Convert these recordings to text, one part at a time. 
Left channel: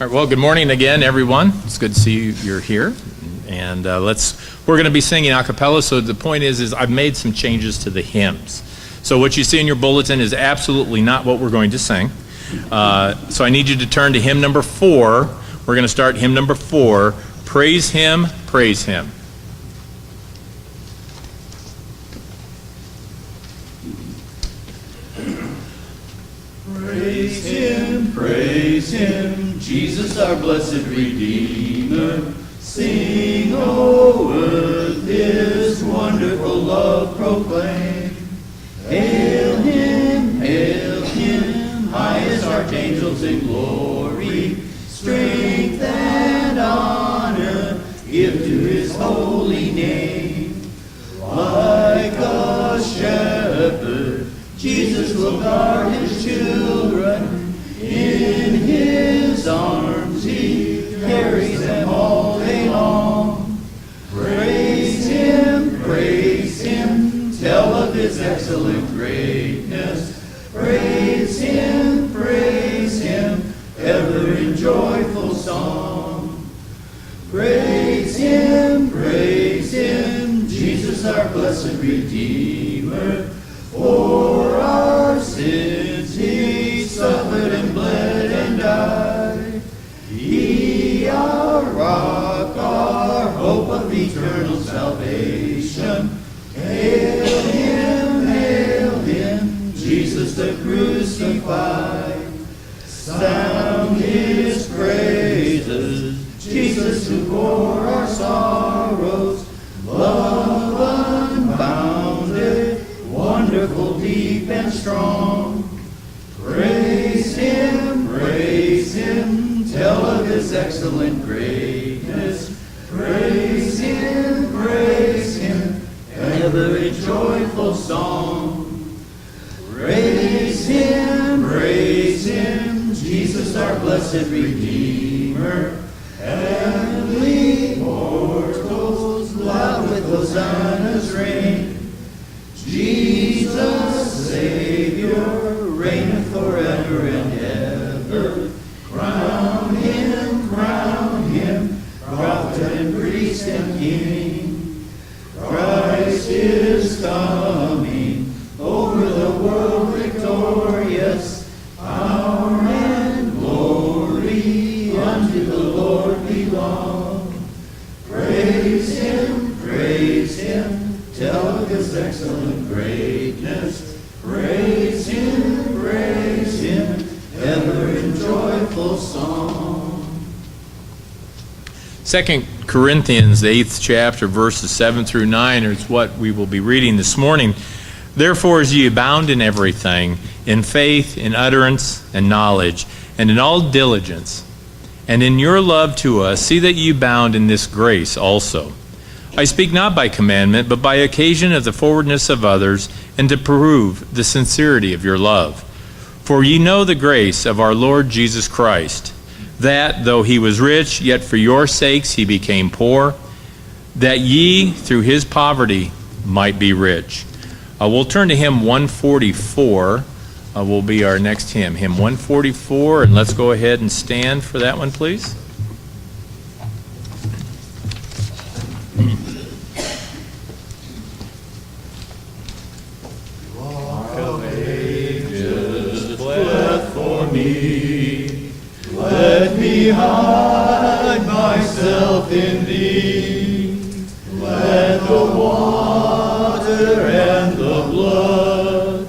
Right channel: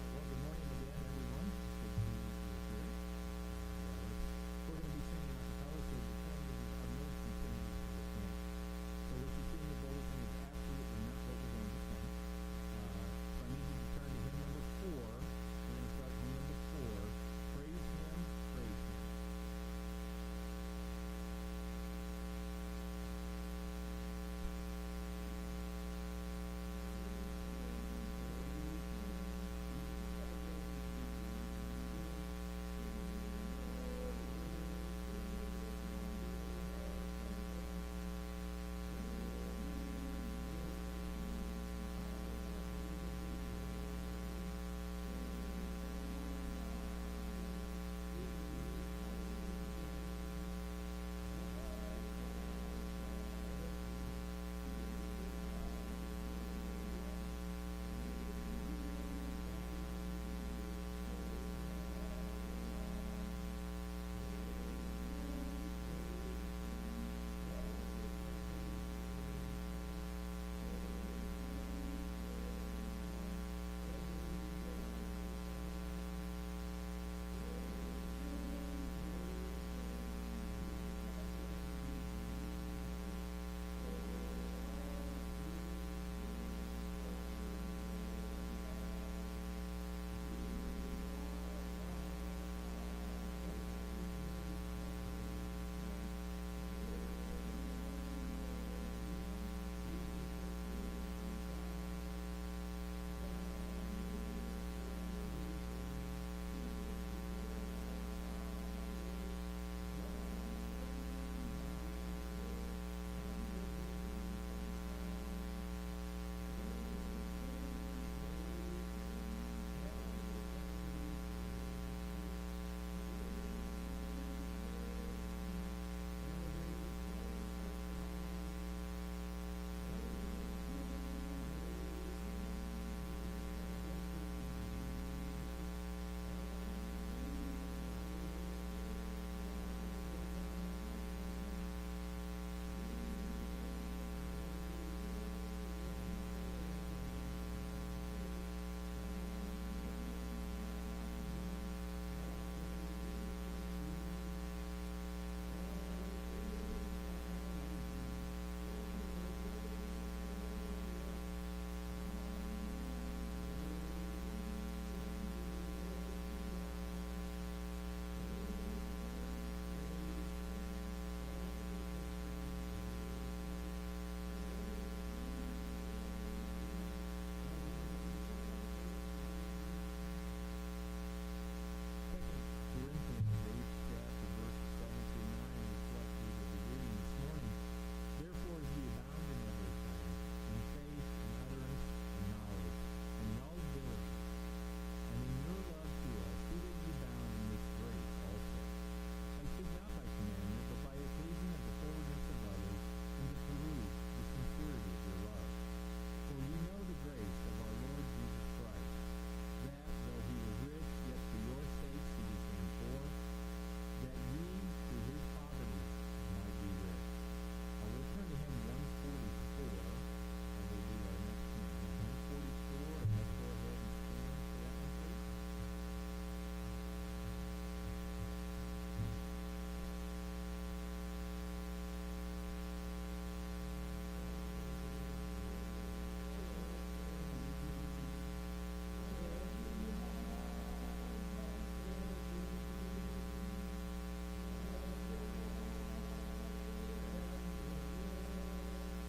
All right, well, good morning again, everyone. It's good to see you're here. And we're going to be singing a cappella. So the point is I've made some changes to the hymns. So what you see in your bulletin is absolutely not what we're going to sing. So I need you to turn to hymn number 4. We're going to start hymn number 4, Praise Him, Praise Him. Praise Him, Jesus our blessed Redeemer. Sing, O earth, His wonderful love proclaim. Hail Him, highest archangels in glory. Strength and honor give to His holy name. Like a shepherd, Jesus will guard His children. In His arms He carries them all day long. Praise Him, tell of His excellent greatness. Praise Him, ever in joyful song. Praise Him, Jesus our blessed Redeemer. For our sins He suffered and bled and died. He, our rock, our hope of eternal salvation. Hail Him, Jesus the crucified. Sound His praises, Jesus who bore our sorrows. Love unbounded, wonderful, deep, and strong. Praise Him, tell of His excellent greatness. Praise Him, ever a joyful song. Praise Him, Jesus our blessed Redeemer. Heavenly mortals, loud with hosannas ring. Jesus, Savior, reigneth forever and ever. Crown Him, prophet and priest and king. Christ is coming, over the world victorious. Power and glory unto the Lord belong. Praise Him, tell of His excellent greatness. Praise Him, ever in joyful song. 2 Corinthians, the 8th chapter, verses 7 through 9 is what we will be reading this morning. Therefore, as ye abound in everything, in faith, in utterance, and knowledge, and in all diligence, and in your love to us, see that ye abound in this grace also. I speak not by commandment, but by occasion of the forwardness of others, and to prove the sincerity of your love. For ye know the grace of our Lord Jesus Christ, that, though He was rich, yet for your sakes He became poor, that ye, through His poverty, might be rich. We'll turn to hymn 144. Will be our next hymn, hymn 144, and let's go ahead and stand for that one, please. Rock of ages, fled for me. Let me hide myself in Thee. Let the water and the blood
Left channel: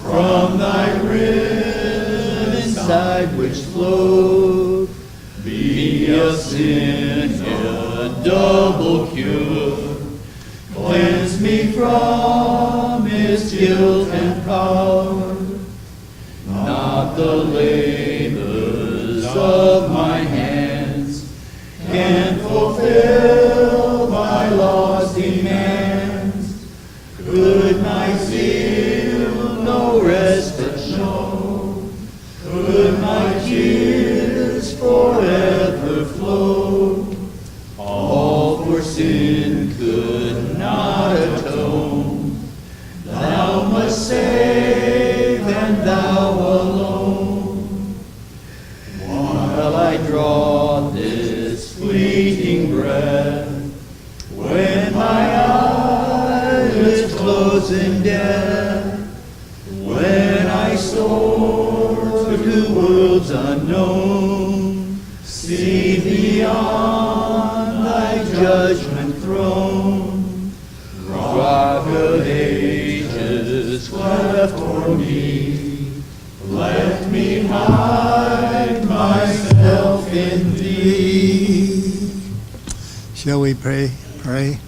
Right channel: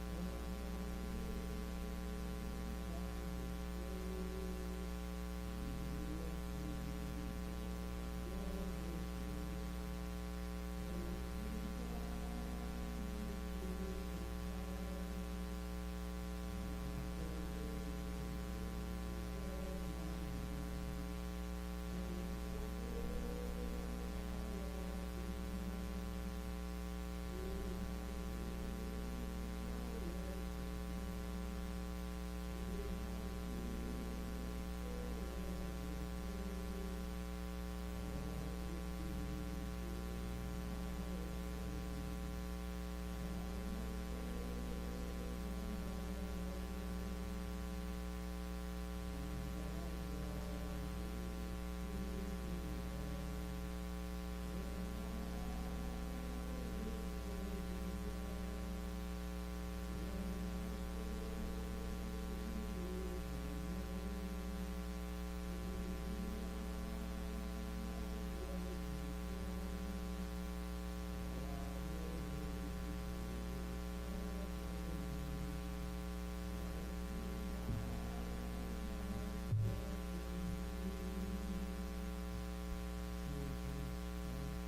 from Thy riven side which flowed be a sin, a double cure. Cleanse me from its guilt and power, not the labors of my hands can fulfill my law's demands. Could my zeal no respite show? Could my tears forever flow? All for sin could not atone. Thou must save, and Thou alone. unknown. See beyond thy judgment throne. Rock of ages, cleft for me. Let me hide myself in thee. Shall we pray? Pray.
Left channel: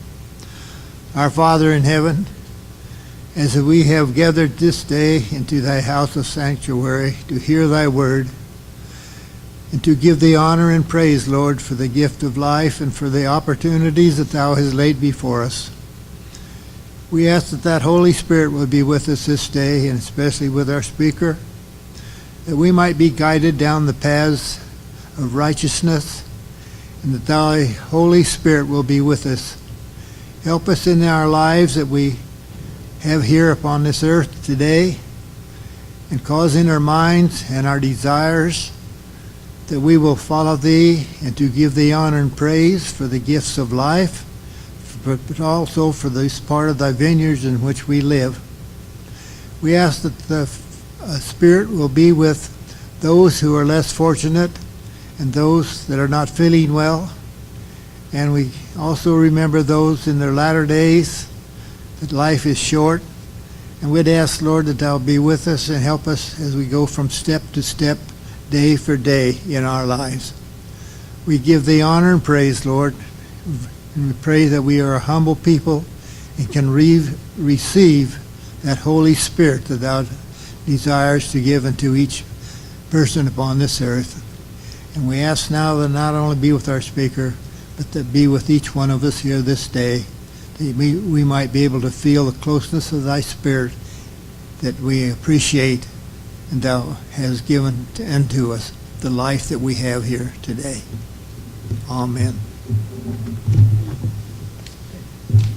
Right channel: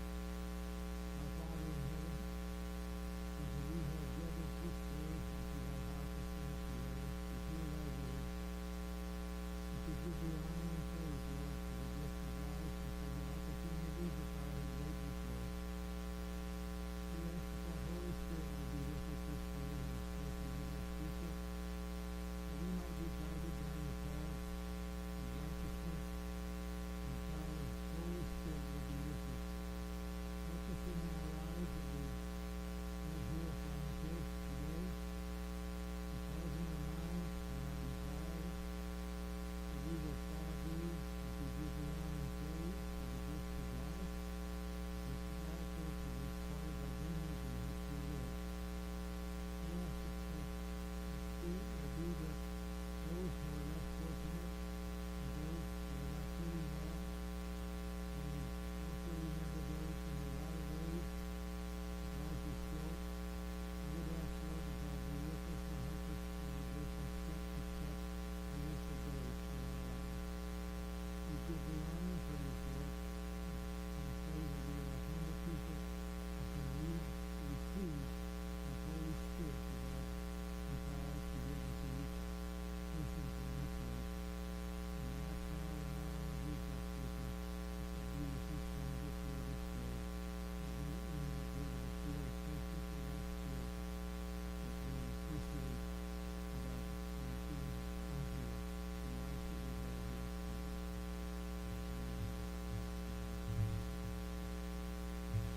Our Father in heaven, as we have gathered this day into thy house of sanctuary to hear thy word, and to give thee honor and praise, Lord, for the gift of life and for the opportunities that thou hast laid before us. We ask that that Holy Spirit will be with us this day, and especially with our speaker, that we might be guided down the paths of righteousness, and that thy Holy Spirit will be with us. Help us in our lives that we have here upon this earth today, and cause in our minds and our desires that we will follow thee and to give thee honor and praise for the gifts of life, but also for this part of thy vineyards in which we live. We ask that the Spirit will be with those who are less fortunate and those that are not feeling well. And we also remember those in their latter days, that life is short. And we'd ask, Lord, that thou be with us and help us as we go from step to step, day for day in our lives. We give thee honor and praise, Lord. And we pray that we are a humble people and can receive that Holy Spirit that thou desires to give unto each person upon this earth. And we ask now that not only be with our speaker, but that be with each one of us here this day, that we might be able to feel the closeness of thy Spirit that we appreciate and thou hast given unto us, the life that we have here today. Amen.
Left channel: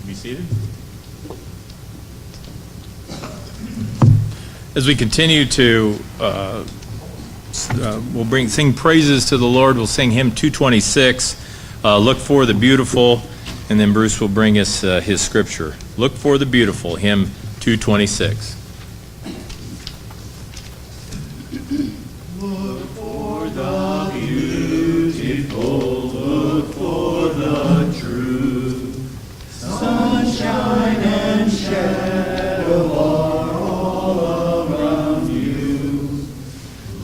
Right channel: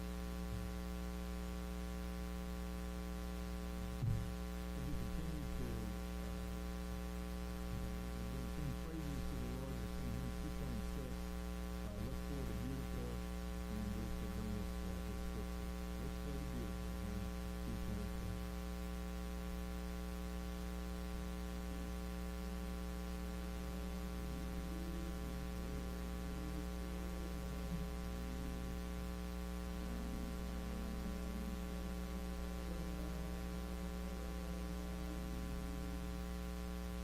Be seated. As we continue to, we'll sing praises to the Lord. We'll sing hymn 226, Look for the Beautiful, and then Bruce will bring us his scripture. Look for the Beautiful, hymn 226. Look for the beautiful, look for the true. Sunshine and shadow are all around you.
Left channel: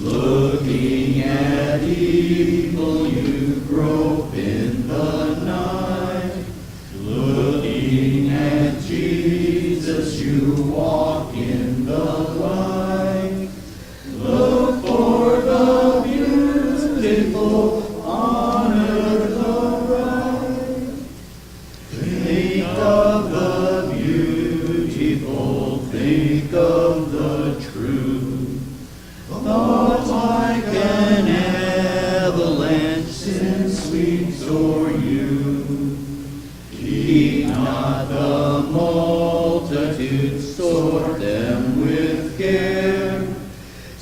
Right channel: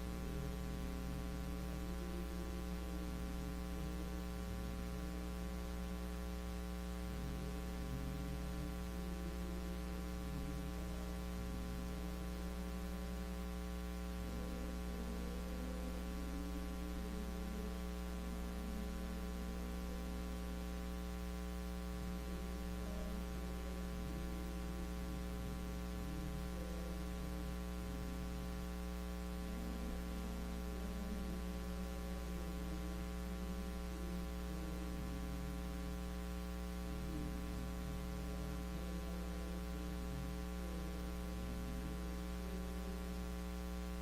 Looking at evil, you grope in the night. Looking at Jesus, you walk in the light. Look for the beautiful, honor the right. Think of the beautiful, think of the true. Thoughts like an avalanche send sweeps o'er you. Keep not the multitude, sort them with care.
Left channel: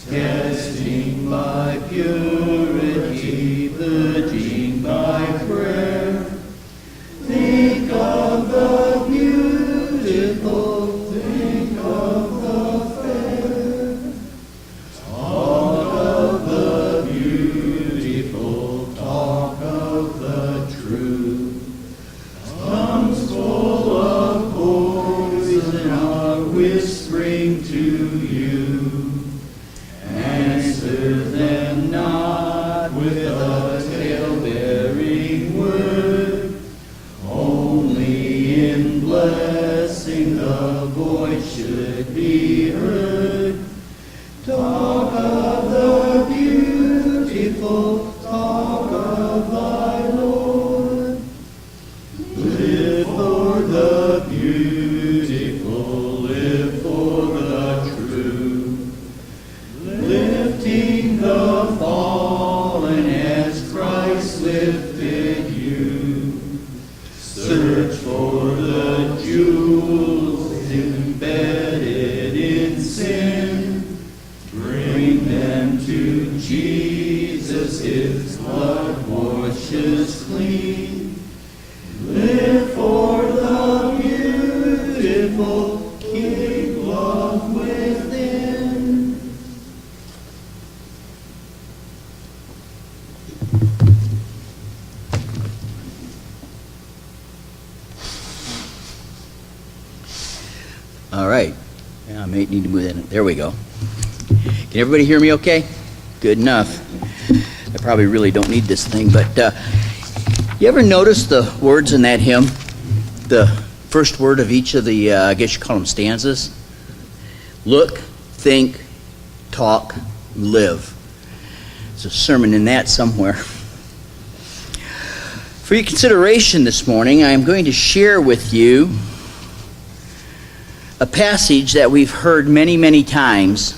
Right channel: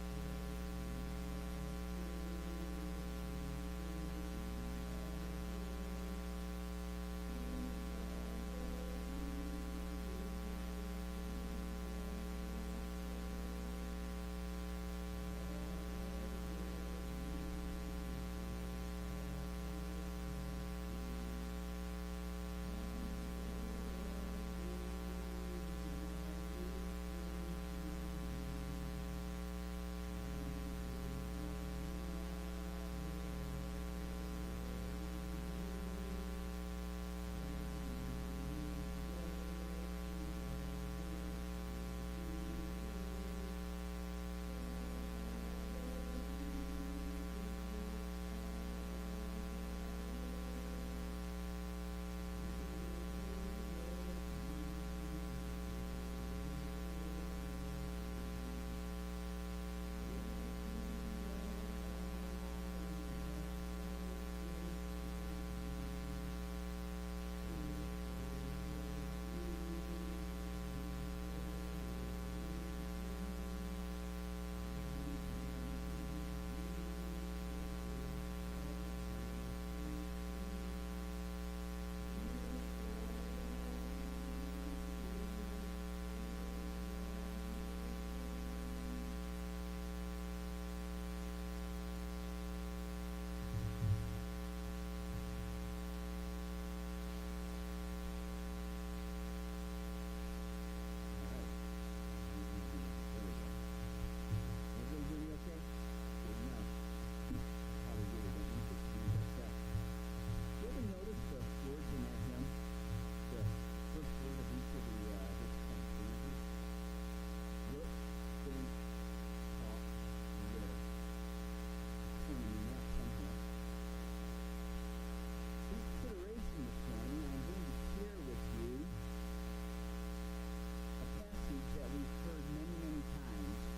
Testing by purity, purging by prayer. Think of the beautiful, think of the fair. Talk of the beautiful, talk of the true. Tongues full of poison are whispering to you. Answer them not with a tale-bearing word. Only in blessing the voice should be heard. Talk of the beautiful, talk of thy Lord. Live for the beautiful, live for the true. Lifting the fallen as Christ lifted you. Search for the jewels embedded in sin. Bring them to Jesus, his blood washes clean. Live for the beautiful, keep love within. need to move that in. There we go. Can everybody hear me okay? Good enough. I probably really don't need this thing, but you ever notice the words in that hymn? The first word of each of the, I guess you call them stanzas? Look, think, talk, live. There's a sermon in that somewhere. For your consideration this morning, I am going to share with you a passage that we've heard many, many times,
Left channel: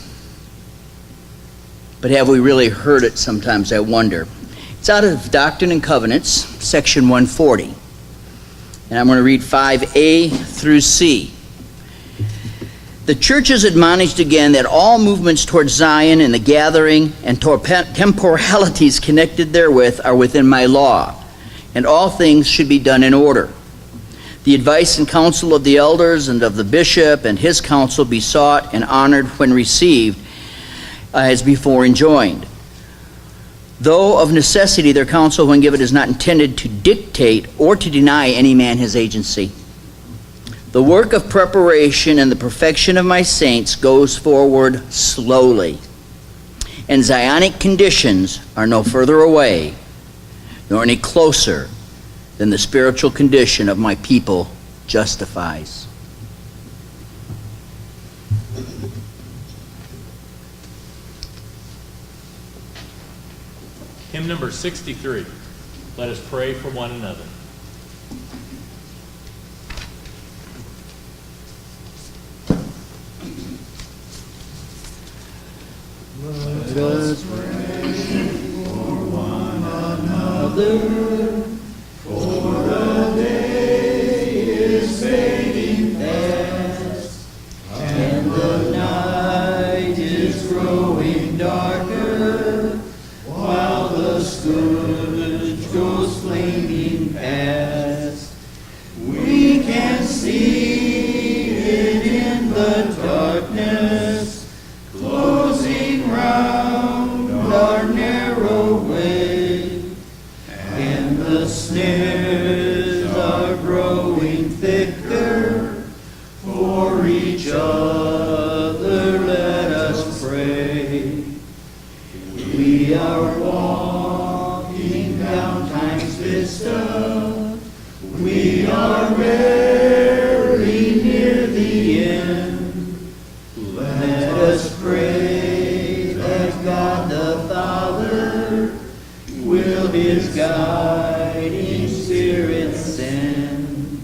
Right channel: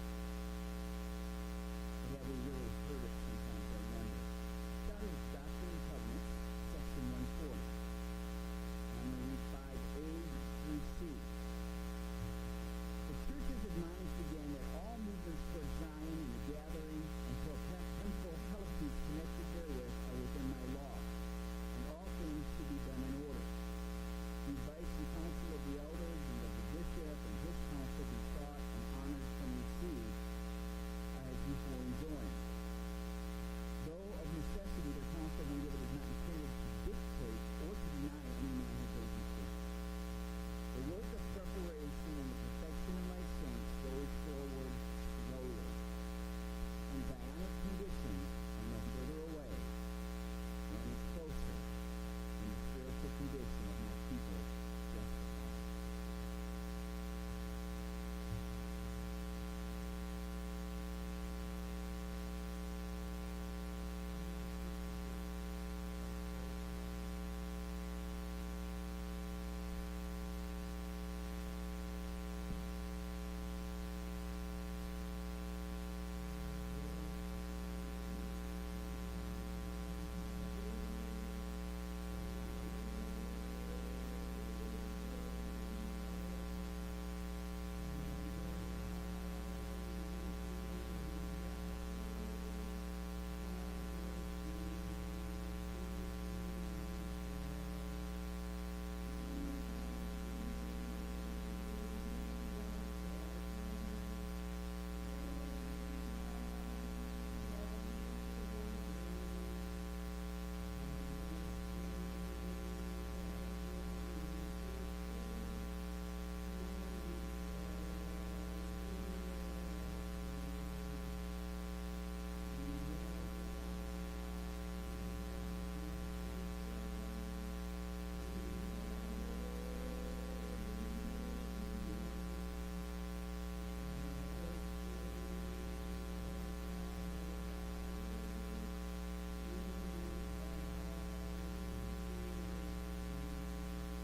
but have we really heard it sometimes, I wonder. It's out of Doctrine and Covenants, section 140. And I'm going to read 5a through c. The church is admonished again that all movements towards Zion and the gathering and temporalities connected therewith are within my law, and all things should be done in order. The advice and counsel of the elders and of the bishop and his counsel be sought and honored when received, as before enjoined. Though of necessity their counsel when given is not intended to dictate or to deny any man his agency. The work of preparation and the perfection of my saints goes forward slowly, and Zionic conditions are no further away, nor any closer than the spiritual condition of my people justifies. Hymn number 63. Let us pray for one another. Let us pray for one another, for the day is fading fast, and the night is growing darker, while the scourge goes flaming past. We can see it in the darkness, closing round our narrow way, and the snares are growing thicker. For each other let us pray. We are walking down time's vista. We are very near the end. Let us pray that God the Father will His guiding Spirit send.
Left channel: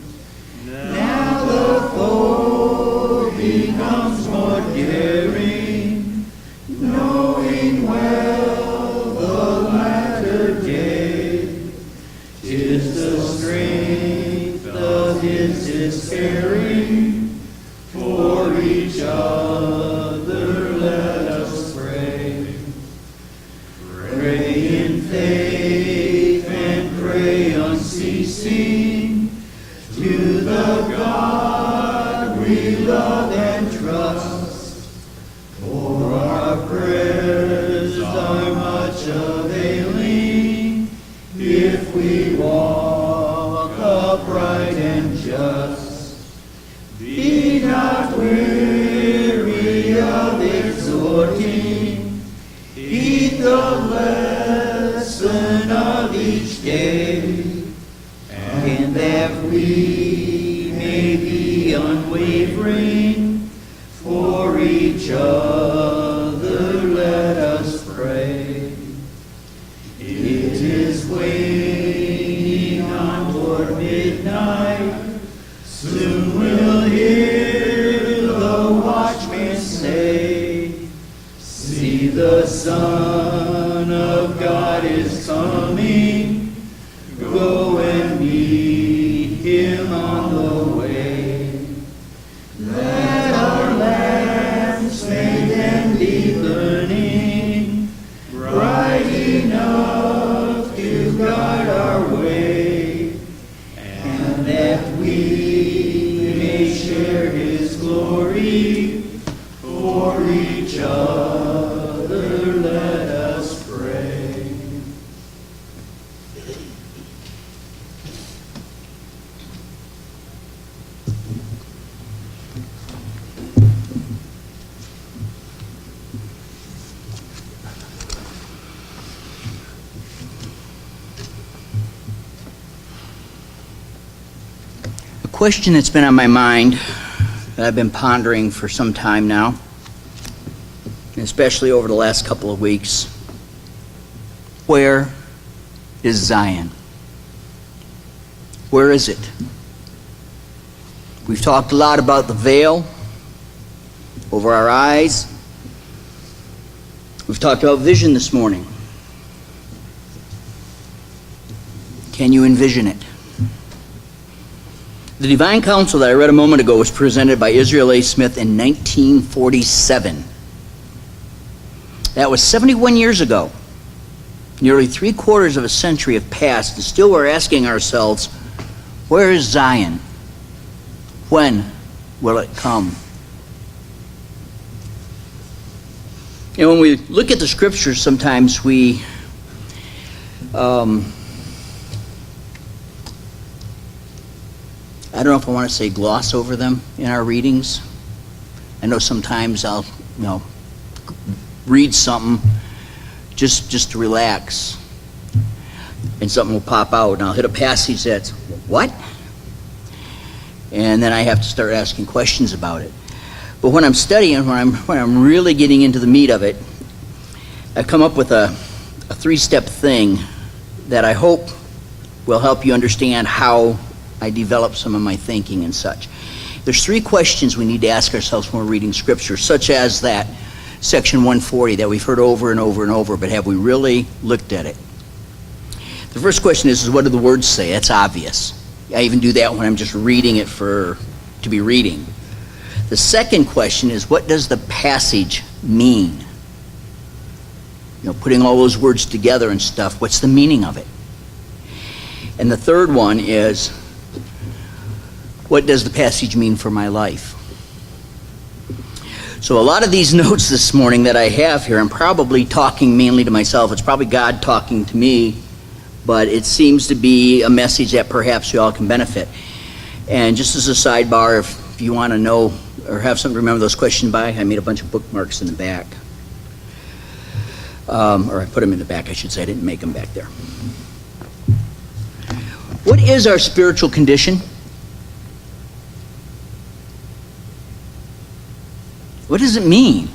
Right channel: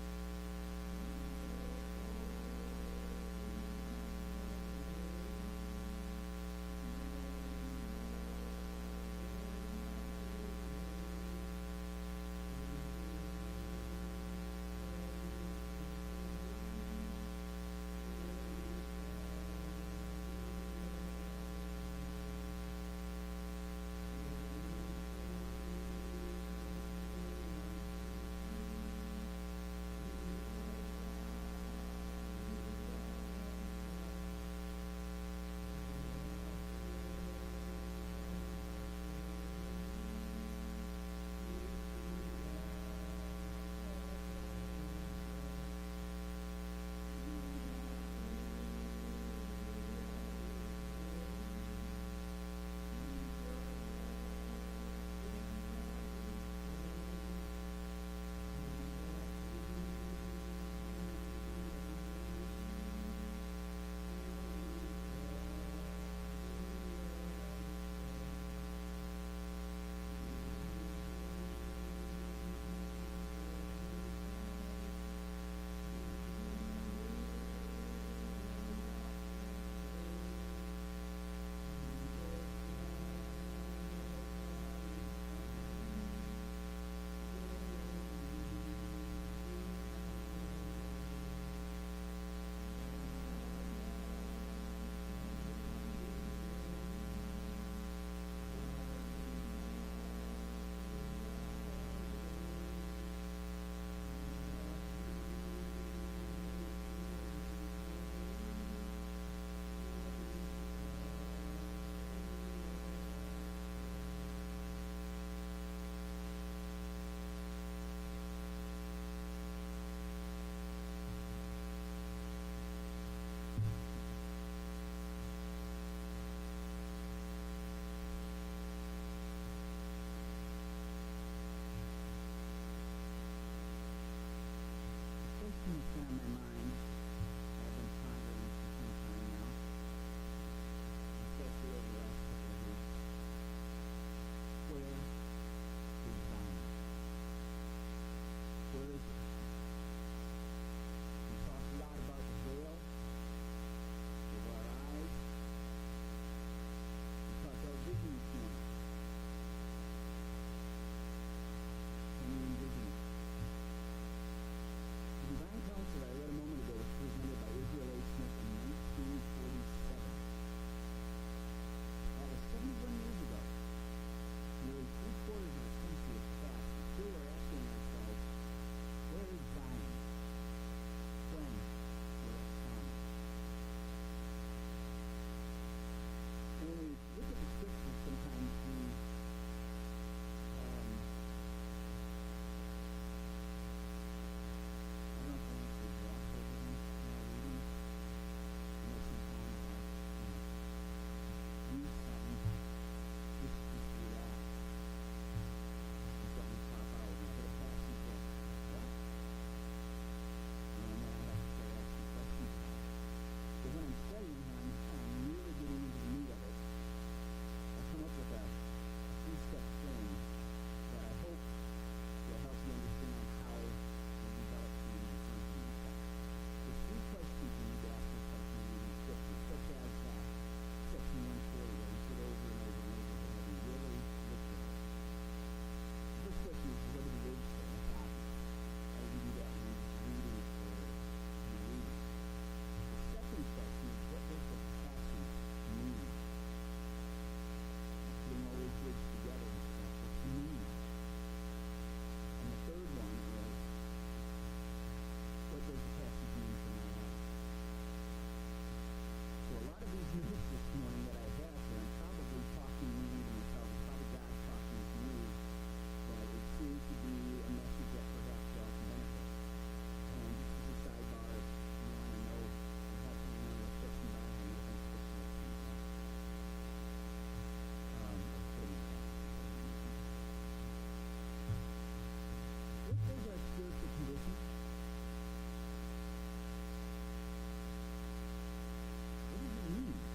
Now the foe becomes more daring, knowing well the latter day is the strength of His despairing. For each other let us pray. Pray in faith and pray unceasing to the God we love and trust. For our prayers are much availing if we walk upright and just. Be not weary of exhorting, heed the lesson of each day, and that we may be unwavering. For each other let us pray. It is waning on toward midnight. Soon we'll hear the watchman say, see, the Son of God is coming. Go and meet Him on the way. Let our lamps may then be burning, bright enough to guide our way, and that we may share His glory. For each other let us pray. question that's been on my mind that I've been pondering for some time now, especially over the last couple of weeks. Where is Zion? Where is it? We've talked a lot about the veil over our eyes. We've talked about vision this morning. Can you envision it? The Divine Council that I read a moment ago was presented by Israel A. Smith in 1947. That was 71 years ago. Nearly 3/4 of a century have passed, and still we're asking ourselves, where is Zion? When will it come? You know, when we look at the scriptures, sometimes we I don't know if I want to say gloss over them in our readings. I know sometimes I'll, read something just to relax, and something will pop out, and I'll hit a passage that's, what? And then I have to start asking questions about it. But when I'm studying, when I'm really getting into the meat of it, I've come up with a 3-step thing that I hope will help you understand how I develop some of my thinking and such. There's 3 questions we need to ask ourselves when we're reading Scripture, such as that section 140 that we've heard over and over and over, but have we really looked at it? The first question is what do the words say? That's obvious. I even do that when I'm just reading it to be reading. The second question is, what does the passage mean? Putting all those words together and stuff, what's the meaning of it? And the third one is, what does the passage mean for my life? So a lot of these notes this morning that I have here, I'm probably talking mainly to myself. It's probably God talking to me, but it seems to be a message that perhaps you all can benefit. And just as a sidebar, if you want to know or have something to remember those questions by, I made a bunch of bookmarks in the back. Or I put them in the back, I should say. I didn't make them back there. What is our spiritual condition? What does it mean?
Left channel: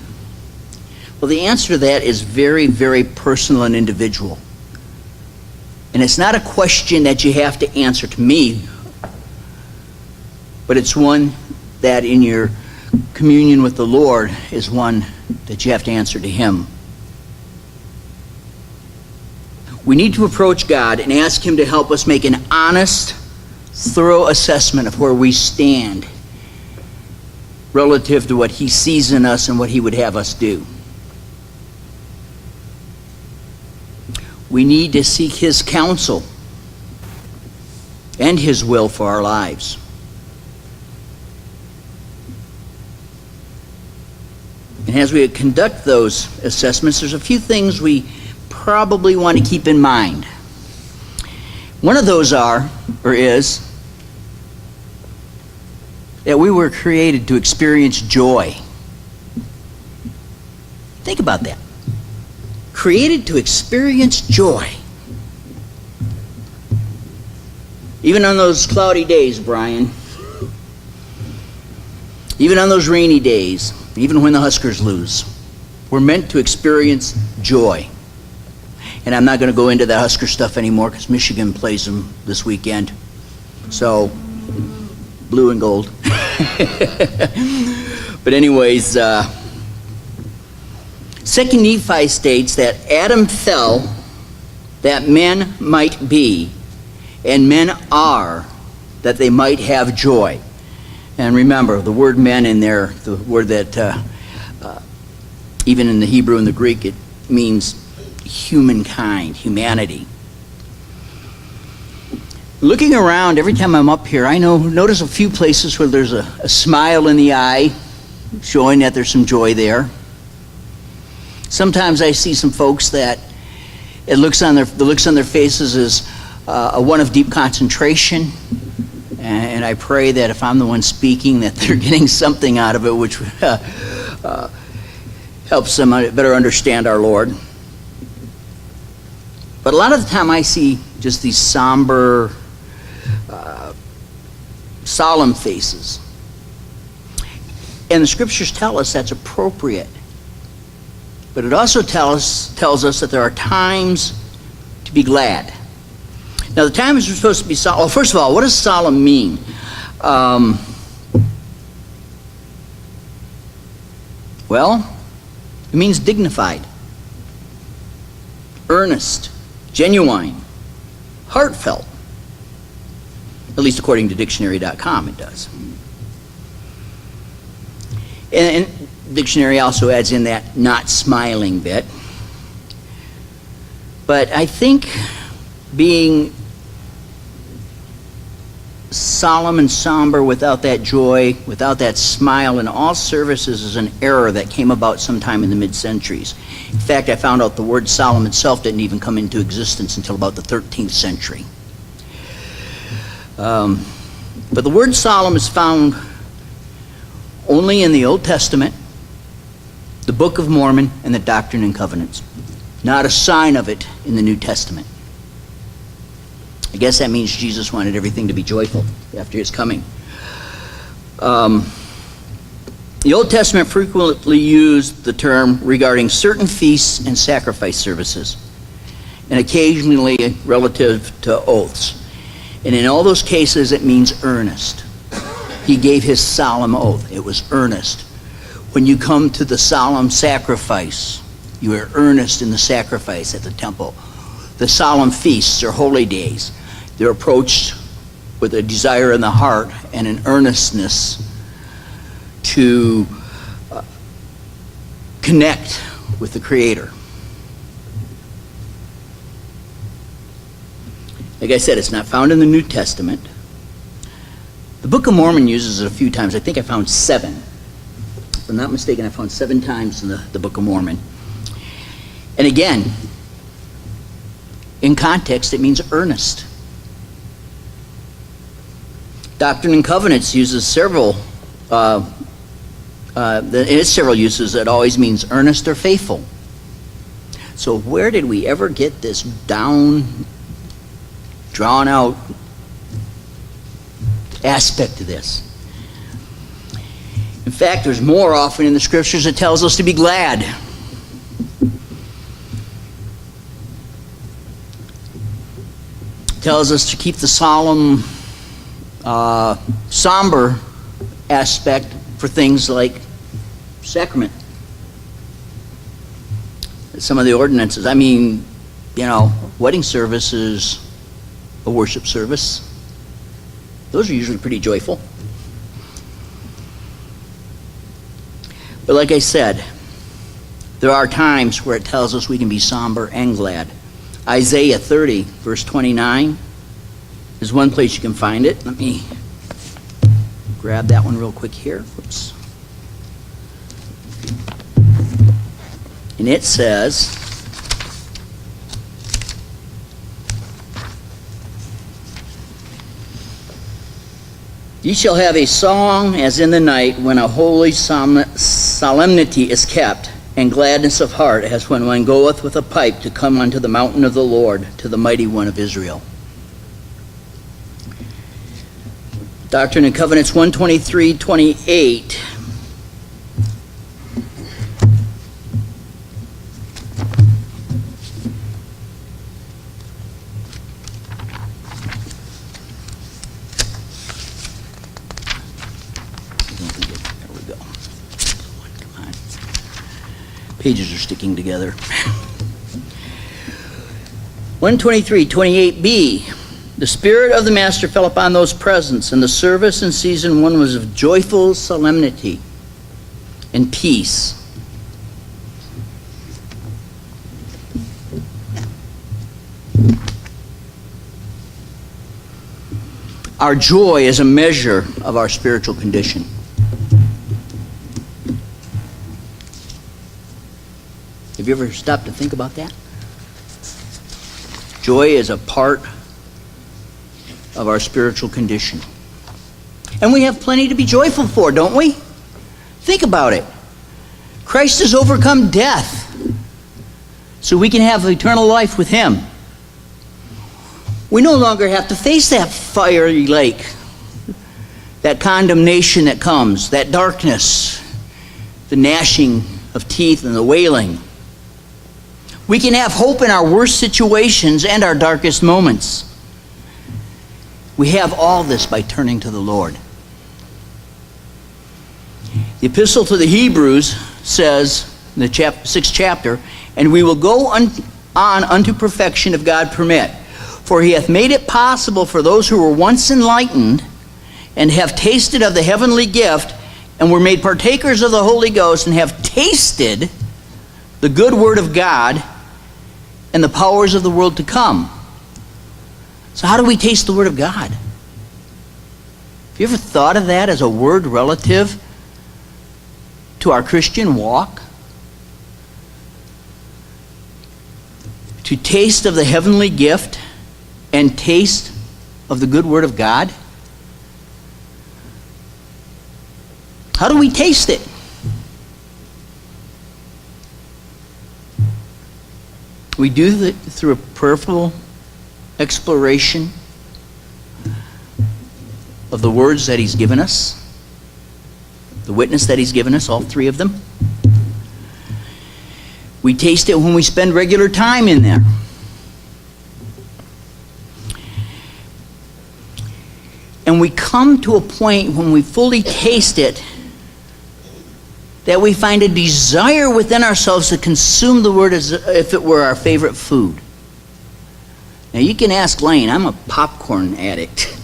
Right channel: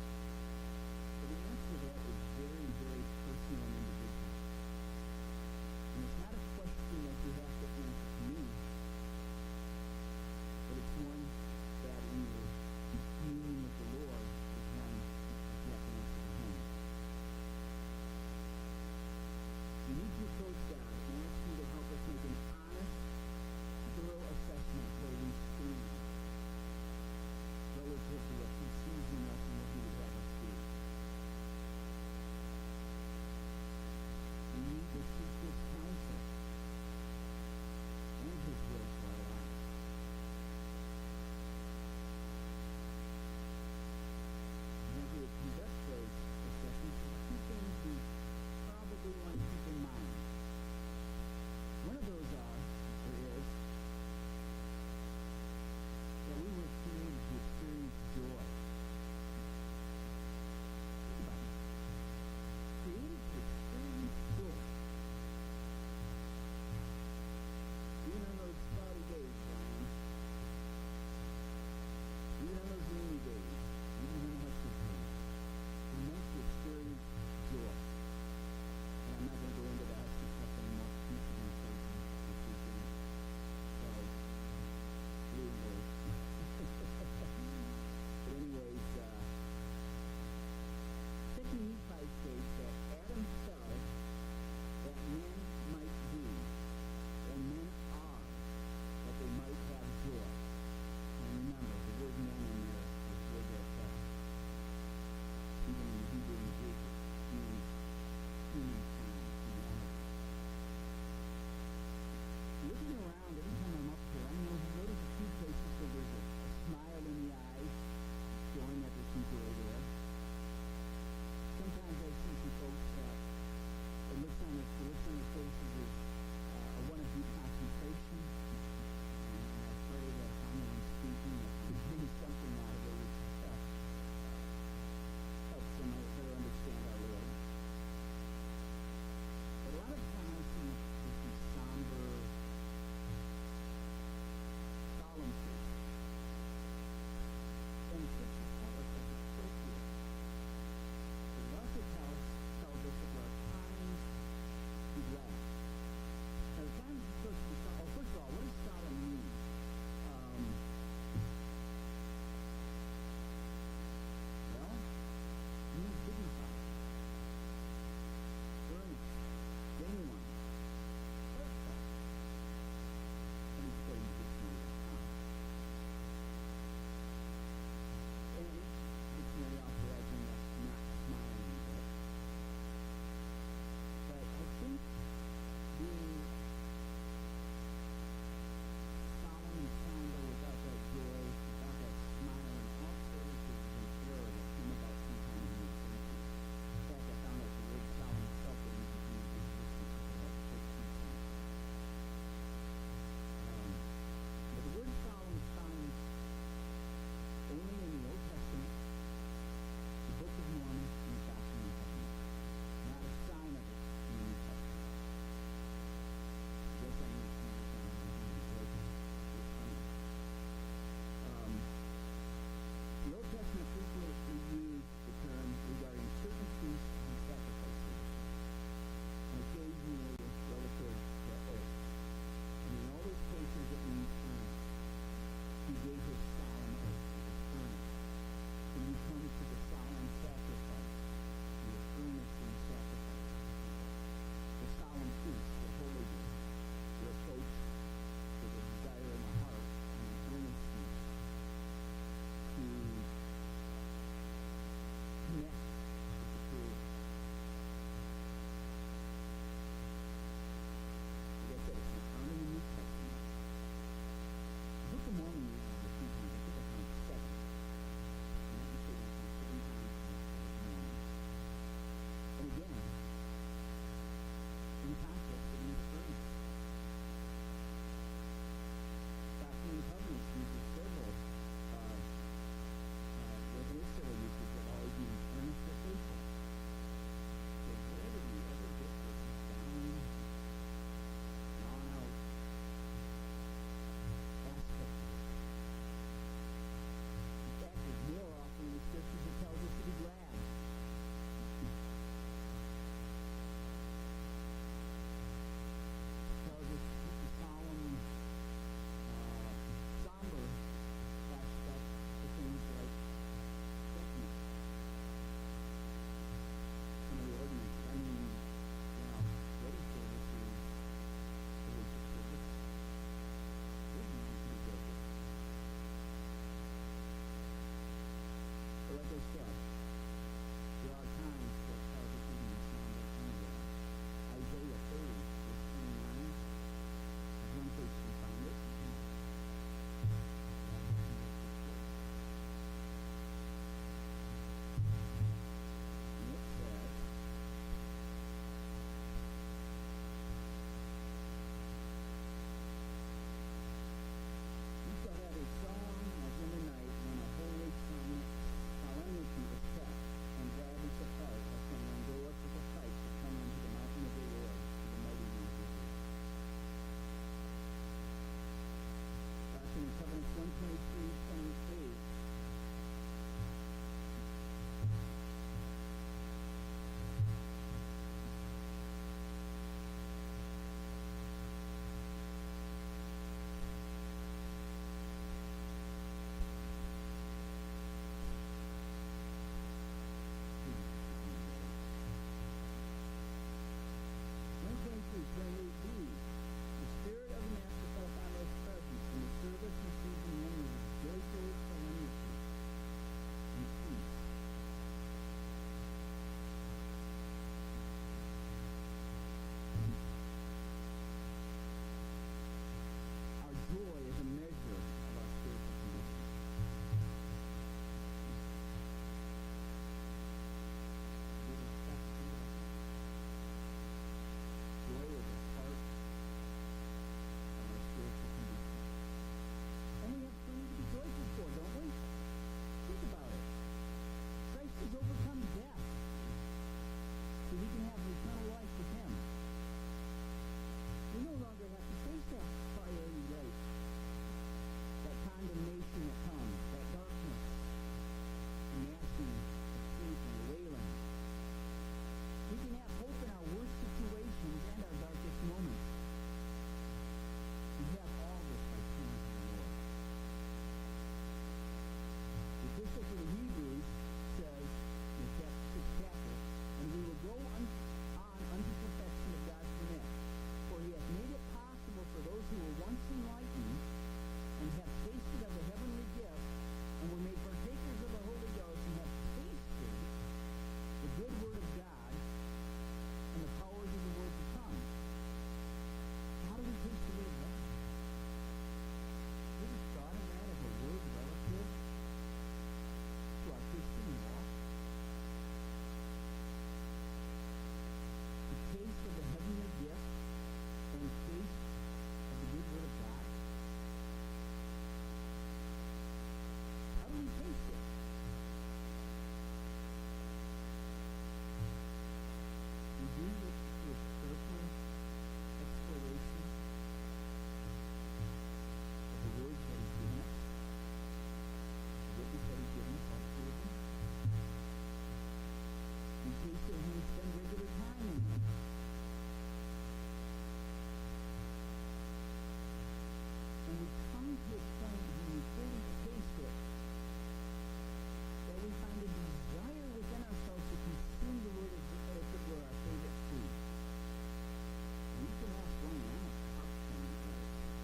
Well, the answer to that is very, very personal and individual. And it's not a question that you have to answer to me, but it's one that in your communion with the Lord is one that you have to answer to Him. We need to approach God and ask Him to help us make an honest, thorough assessment of where we stand relative to what He sees in us and what He would have us do. We need to seek His counsel and His will for our lives. And as we conduct those assessments, there's a few things we probably want to keep in mind. One of those is that we were created to experience joy. Think about that. Created to experience joy. Even on those cloudy days, Brian. Even on those rainy days. Even when the Huskers lose. We're meant to experience joy. And I'm not going to go into that Husker stuff anymore because Michigan plays them this weekend. So, blue and gold. But anyways, 2 Nephi states that Adam fell that men might be, and men are, that they might have joy. And remember, the word men in there, the word that even in the Hebrew and the Greek, it means humankind, humanity. Looking around, every time I'm up here, I notice a few places where there's a smile in the eye, showing that there's some joy there. Sometimes I see some folks that the looks on their faces is one of deep concentration, and I pray that if I'm the one speaking, that they're getting something out of it, which helps them better understand our Lord. But a lot of the time I see just these somber solemn faces. And the scriptures tell us that's appropriate. But it also tells us that there are times to be glad. Now, the times we're supposed to be solemn. Well, first of all, what does solemn mean? Well, it means dignified, earnest, genuine, heartfelt. At least according to dictionary.com, it does. And dictionary also adds in that not smiling bit. But I think being solemn and somber without that joy, without that smile in all services is an error that came about sometime in the mid-centuries. In fact, I found out the word solemn itself didn't even come into existence until about the 13th century. But the word solemn is found only in the Old Testament, the Book of Mormon, and the Doctrine and Covenants. Not a sign of it in the New Testament. I guess that means Jesus wanted everything to be joyful after his coming. The Old Testament frequently used the term regarding certain feasts and sacrifice services, and occasionally relative to oaths. And in all those cases, it means earnest. He gave his solemn oath. It was earnest. When you come to the solemn sacrifice, you are earnest in the sacrifice at the temple. The solemn feasts or holy days, they're approached with a desire in the heart and an earnestness to connect with the Creator. Like I said, it's not found in the New Testament. The Book of Mormon uses it a few times. I think I found 7. If I'm not mistaken, I found 7 times in the Book of Mormon. And again, in context, it means earnest. Doctrine and Covenants uses several, in its several uses, it always means earnest or faithful. So where did we ever get this drawn out aspect to this? In fact, there's more often in the scriptures that tells us to be glad. It tells us to keep the solemn, somber aspect for things like sacrament. Some of the ordinances, wedding services, a worship service, those are usually pretty joyful. But like I said, there are times where it tells us we can be somber and glad. Isaiah 30, verse 29 is one place you can find it. Let me grab that one real quick here. Whoops. And it says, "Ye shall have a song as in the night when a holy solemnity is kept, and gladness of heart as when one goeth with a pipe to come unto the mountain of the Lord, to the mighty one of Israel." Doctrine and Covenants 123:28. Pages are sticking together. 123:28b. The Spirit of the Master fell upon those presents, and the service in season 1 was of joyful solemnity and peace. Our joy is a measure of our spiritual condition. Have you ever stopped to think about that? Joy is a part of our spiritual condition. And we have plenty to be joyful for, don't we? Think about it. Christ has overcome death so we can have eternal life with Him. We no longer have to face that fiery lake. that condemnation that comes, that darkness, the gnashing of teeth and the wailing. We can have hope in our worst situations and our darkest moments. We have all this by turning to the Lord. The Epistle to the Hebrews says, in the 6th chapter, "And we will go on unto perfection if God permit. For he hath made it possible for those who were once enlightened and have tasted of the heavenly gift and were made partakers of the Holy Ghost and have tasted the good word of God and the powers of the world to come." So how do we taste the word of God? Have you ever thought of that as a word relative to our Christian walk? To taste of the heavenly gift and taste of the good word of God? How do we taste it? We do it through a prayerful exploration of the words that he's given us, the witness that he's given us, all three of them. We taste it when we spend regular time in there. And we come to a point when we fully taste it that we find a desire within ourselves to consume the word as if it were our favorite food. Now you can ask Lane, I'm a popcorn addict.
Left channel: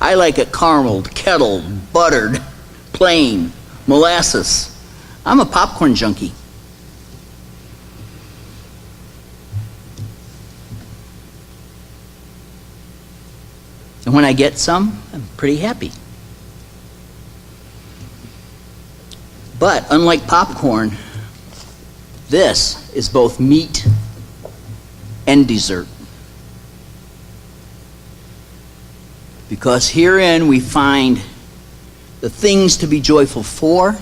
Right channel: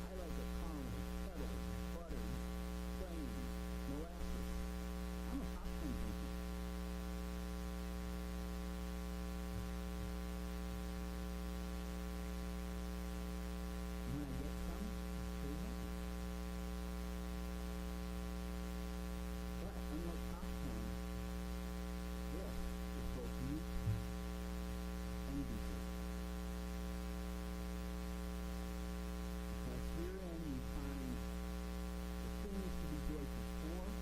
I like it carameled, kettled, buttered, plain, molasses. I'm a popcorn junkie. And when I get some, I'm pretty happy. But unlike popcorn, this is both meat and dessert. Because herein we find the things to be joyful for,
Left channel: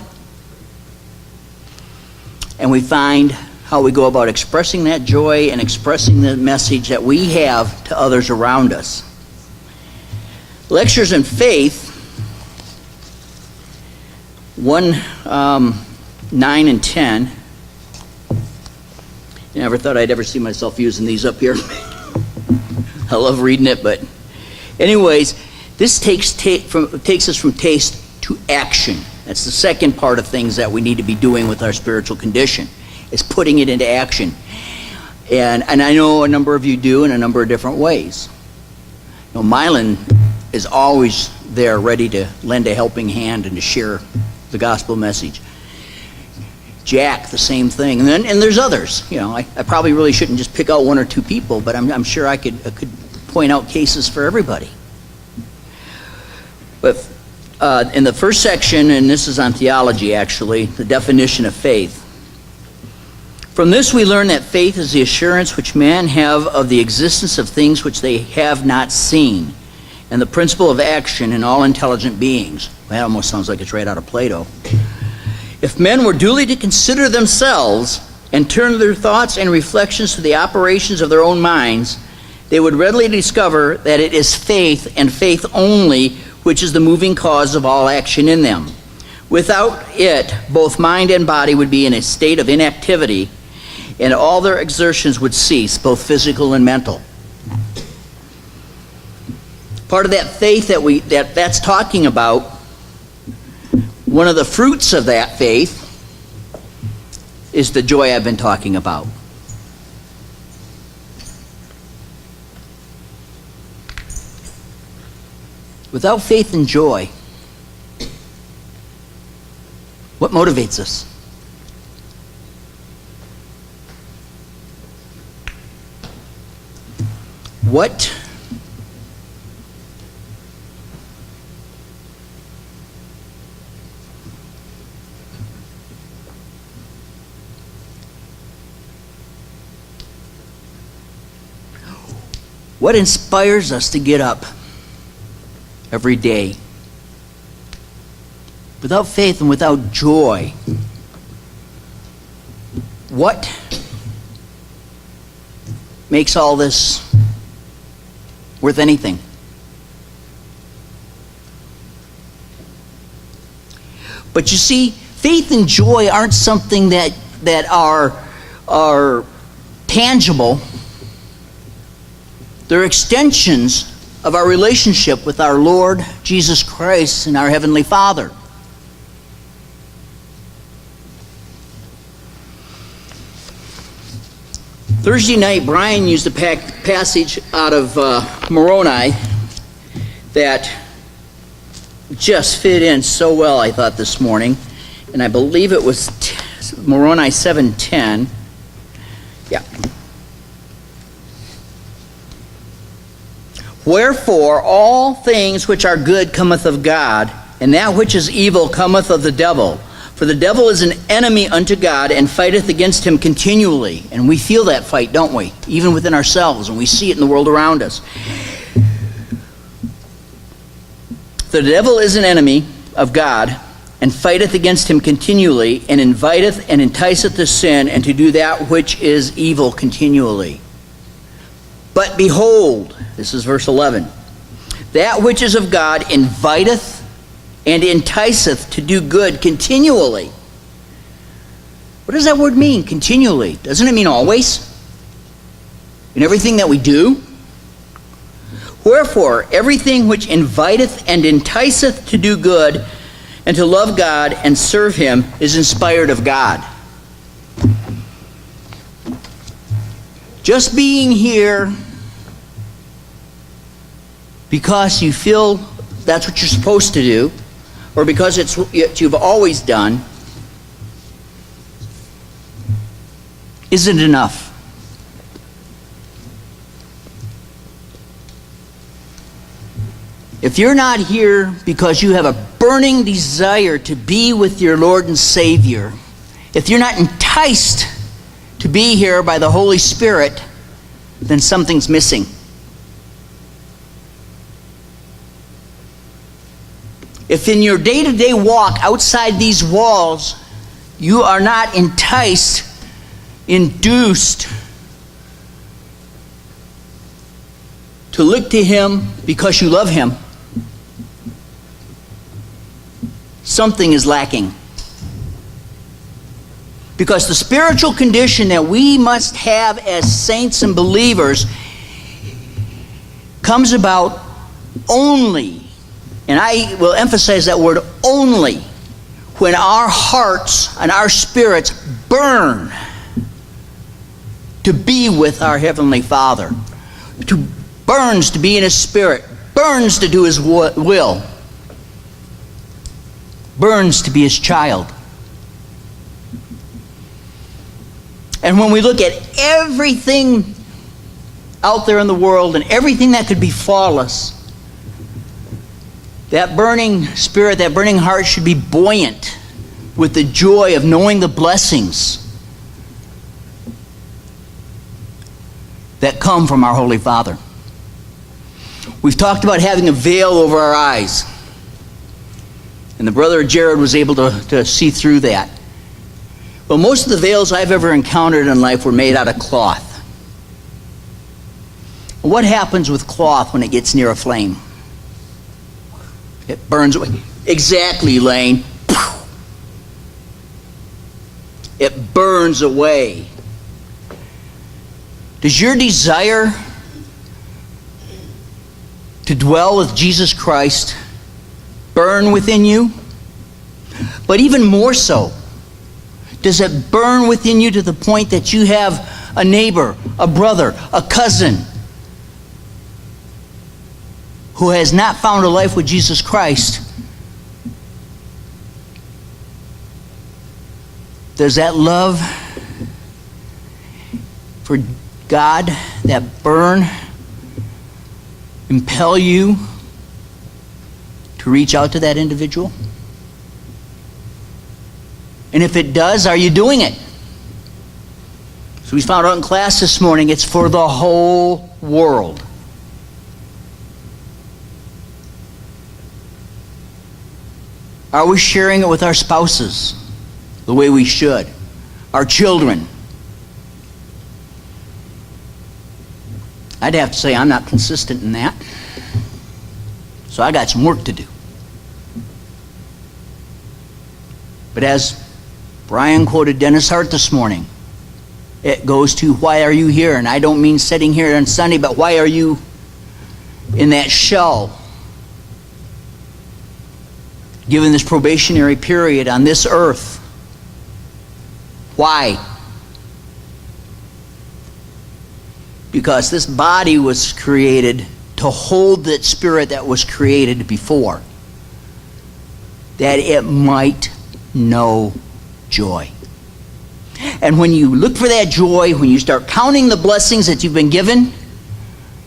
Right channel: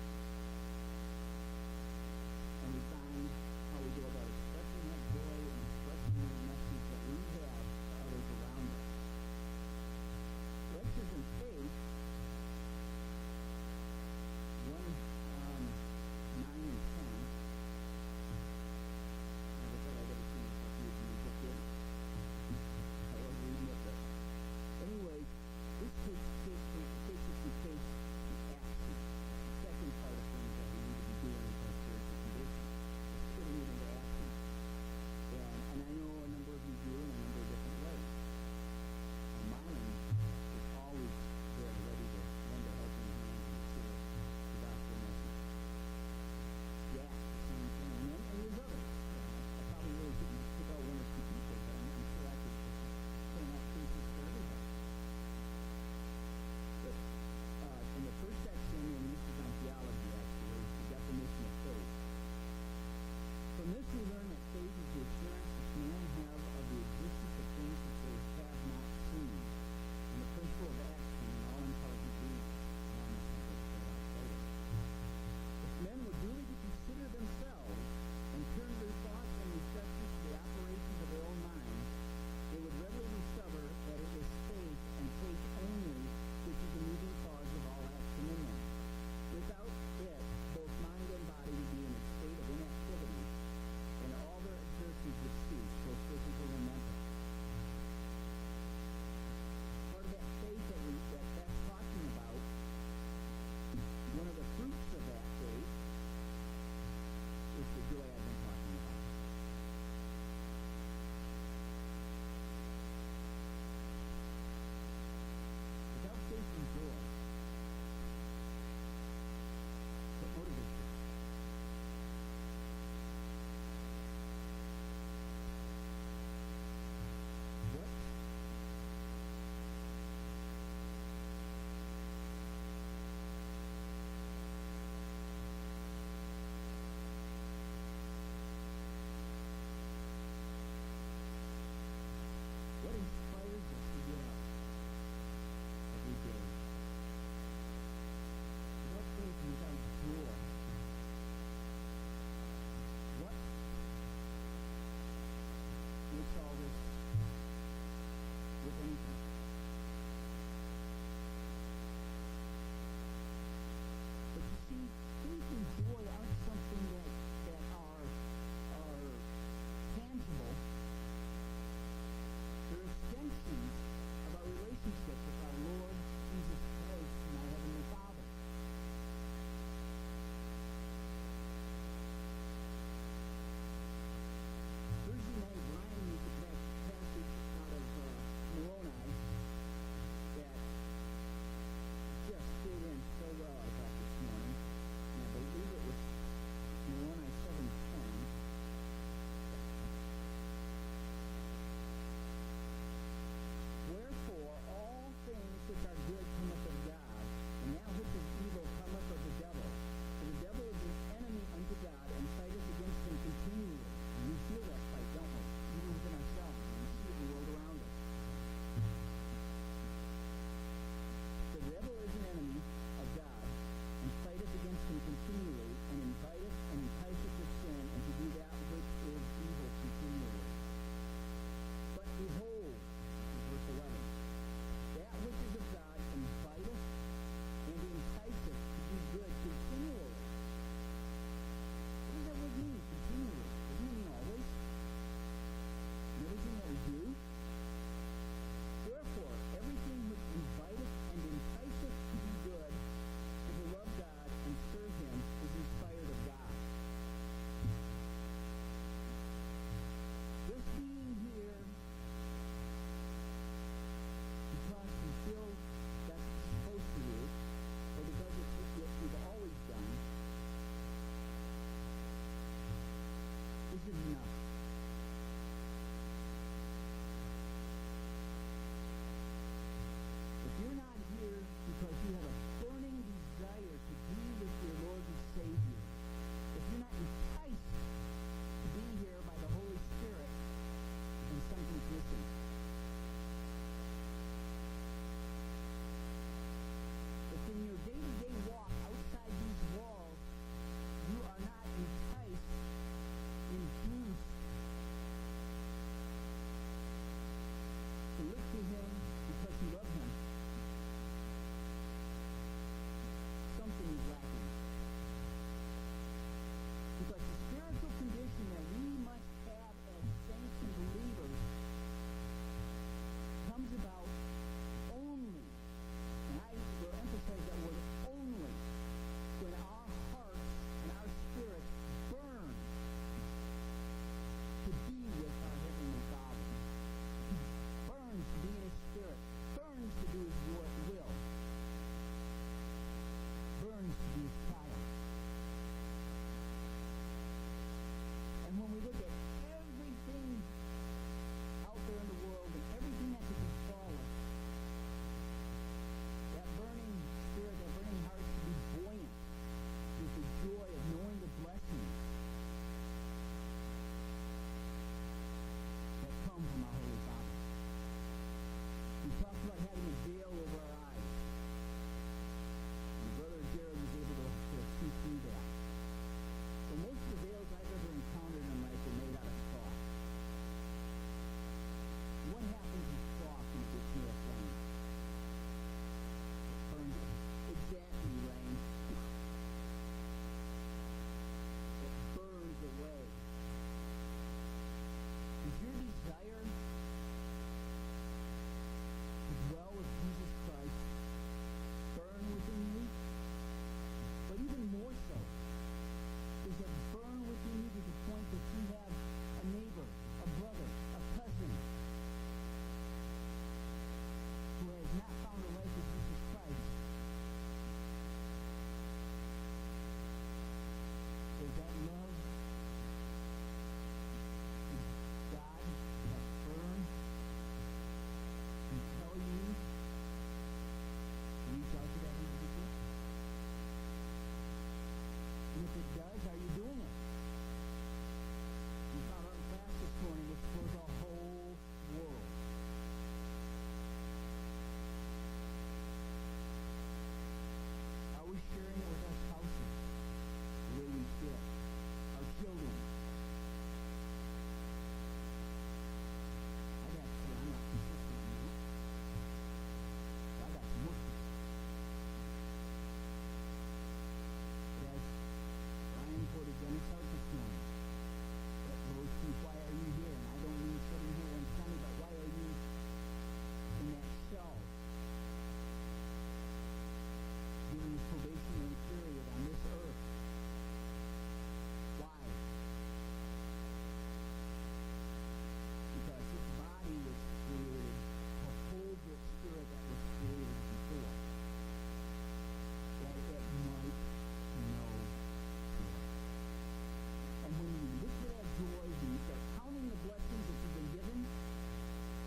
and we find how we go about expressing that joy and expressing the message that we have to others around us. Lectures in Faith 1, 9 and 10. I never thought I'd ever see myself using these up here. I love reading it, but anyways, this takes us from taste to action. That's the second part of things that we need to be doing with our spiritual condition, is putting it into action. And I know a number of you do in a number of different ways. You know, Mylan is always there ready to lend a helping hand and to share the gospel message. Jack, the same thing. And there's others. You know, I probably really shouldn't just pick out one or two people, but I'm sure I could point out cases for everybody. But in the first section, and this is on theology actually, the definition of faith. From this we learn that faith is the assurance which men have of the existence of things which they have not seen, and the principle of action in all intelligent beings. That almost sounds like it's right out of Plato. If men were duly to consider themselves and turn their thoughts and reflections to the operations of their own minds, they would readily discover that it is faith, and faith only, which is the moving cause of all action in them. Without it, both mind and body would be in a state of inactivity, and all their exertions would cease, both physical and mental. Part of that faith that's talking about, one of the fruits of that faith is the joy I've been talking about. Without faith and joy, what motivates us? What inspires us to get up every day? Without faith and without joy, what makes all this worth anything? But you see, faith and joy aren't something that are tangible. They're extensions of our relationship with our Lord Jesus Christ and our Heavenly Father. Thursday night, Brian used a passage out of Moroni that just fit in so well, I thought, this morning. And I believe it was Moroni 7:10. Yeah. Wherefore all things which are good cometh of God, and that which is evil cometh of the devil. For the devil is an enemy unto God, and fighteth against him continually. And we feel that fight, don't we? Even within ourselves, and we see it in the world around us. The devil is an enemy of God, and fighteth against him continually, and inviteth and enticeth to sin, and to do that which is evil continually. But behold, this is verse 11, that which is of God inviteth and enticeth to do good continually. What does that word mean, continually? Doesn't it mean always? In everything that we do? Wherefore, everything which inviteth and enticeth to do good and to love God and serve him is inspired of God. Just being here because you feel that's what you're supposed to do, or because it's what you've always done, isn't enough. If you're not here because you have a burning desire to be with your Lord and Savior, if you're not enticed to be here by the Holy Spirit, then something's missing. If in your day-to-day walk outside these walls, you are not enticed, induced to look to him because you love him, something is lacking. Because the spiritual condition that we must have as saints and believers comes about only, and I will emphasize that word only, when our hearts and our spirits burn to be with our Heavenly Father, burns to be in His Spirit, burns to do His will, burns to be His child. And when we look at everything out there in the world and everything that could befall us, that burning spirit, that burning heart should be buoyant with the joy of knowing the blessings that come from our Holy Father. We've talked about having a veil over our eyes. And the brother Jared was able to see through that. Well, most of the veils I've ever encountered in life were made out of cloth. What happens with cloth when it gets near a flame? It burns away. Exactly, Lane. It burns away. Does your desire to dwell with Jesus Christ burn within you? But even more so, does it burn within you to the point that you have a neighbor, a brother, a cousin who has not found a life with Jesus Christ? Does that love for God, that burn, impel you to reach out to that individual? And if it does, are you doing it? So we found out in class this morning, it's for the whole world. Are we sharing it with our spouses the way we should? Our children? I'd have to say I'm not consistent in that. So I got some work to do. But as Brian quoted Dennis Hart this morning, it goes to, why are you here? And I don't mean sitting here on Sunday, but why are you in that shell, given this probationary period on this earth? Why? Because this body was created to hold that spirit that was created before, that it might know joy. And when you look for that joy, when you start counting the blessings that you've been given,